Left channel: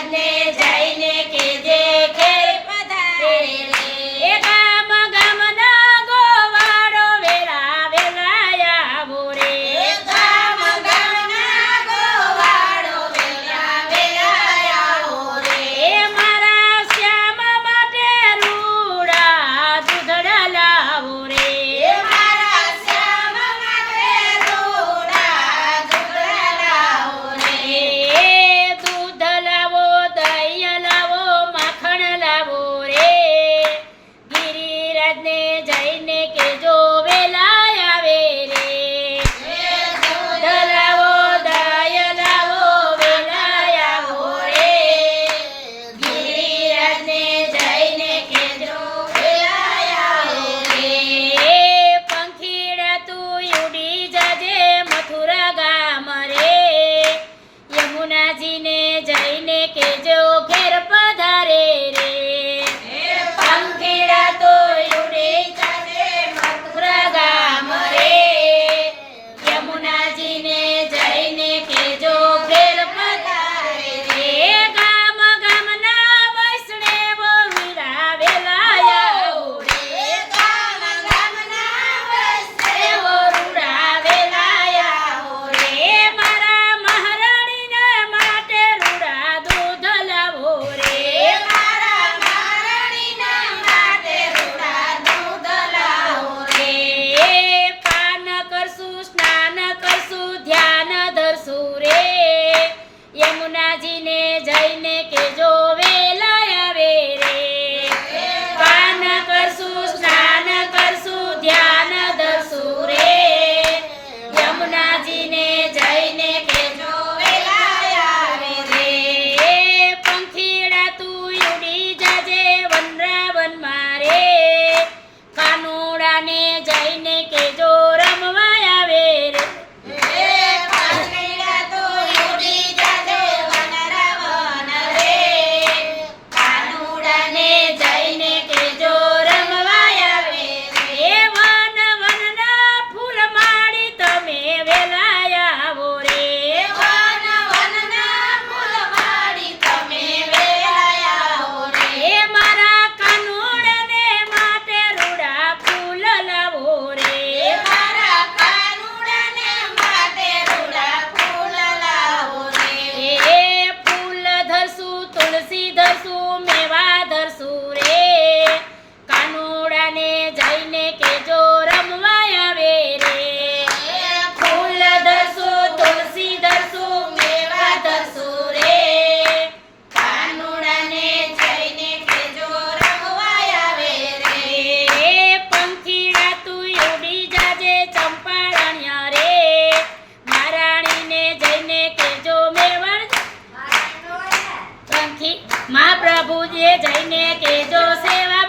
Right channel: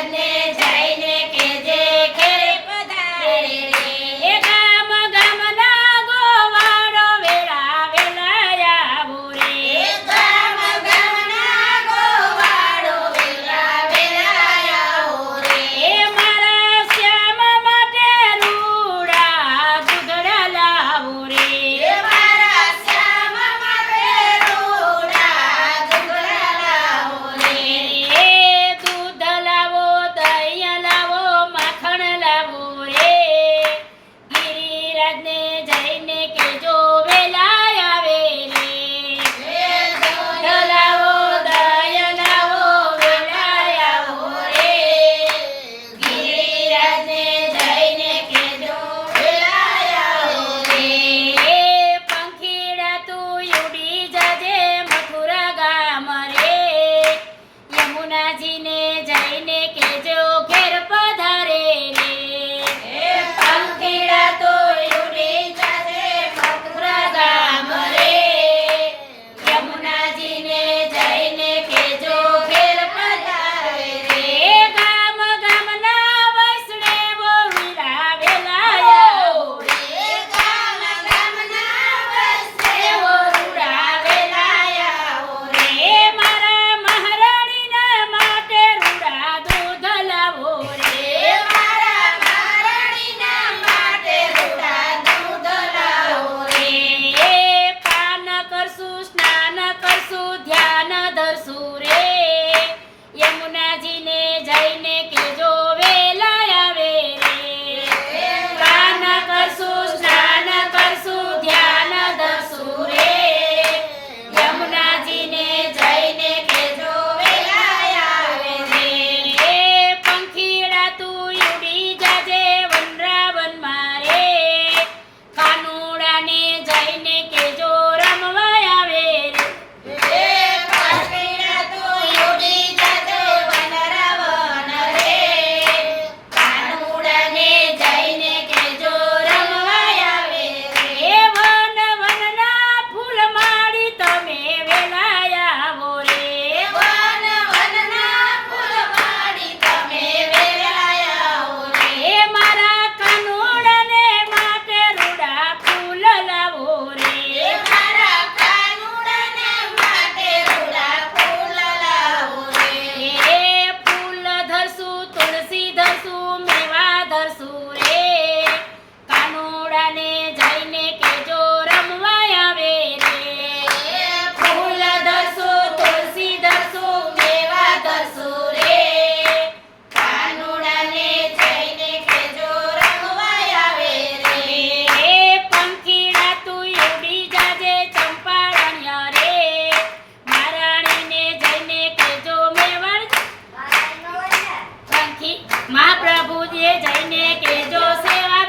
Padre. Mahaprabhuji જઈને કેજો સેવા.